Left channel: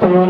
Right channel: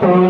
three. Mm -hmm.